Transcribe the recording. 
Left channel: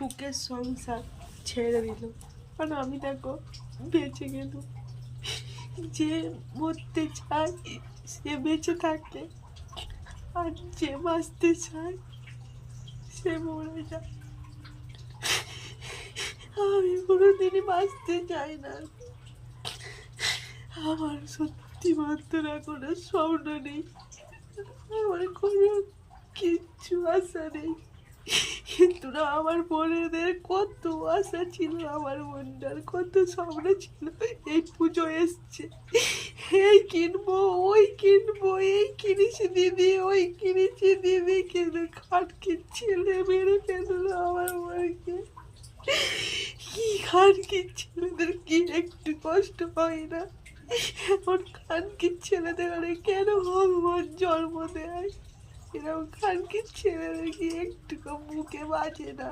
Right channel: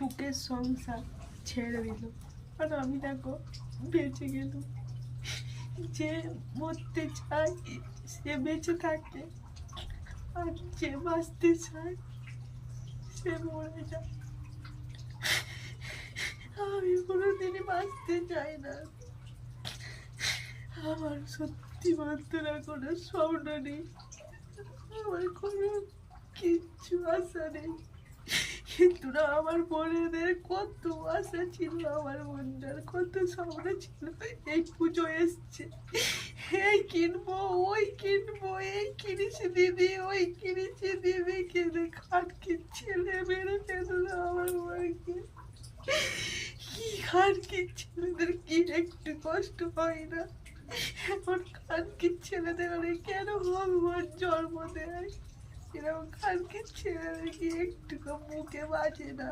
সুখের সংসার ছেড়ে দিল। কারণ আমি দেখো বেঁচে গেল। যে মরতে চায় সে বেঁচে থাকে, আর যে বাঁচতে চায় সে মরে যায়। আমি কোনোদিনই বাঁচতে চাই না। আমার সত্যি বন্ধুরা কোনো স্বপ্ন নেই, আমার কোনো কিচ্ছু আশা নেই। কিন্তু না, আমার বোনেদের কত আশা ছিল, আমার বোনটার কত স্বপ্ন ছিল। এই পুজো এসছে, এই কিনবো, ওই কিনবো, এই কিনেছি দিদি, ওই কিনেছি দিদি, কিন্তু খাটকে ছেলে মেরে ফেললো আমার বোনকে। কি খানকির ছেলেদের কি একটু কষ্ট হয় না? এখন খানকির ছেলেদের কেন ভগবান জন্ম দেয়? এরকম খানকির ছেলেদের কি একটু বুকে বাজে না?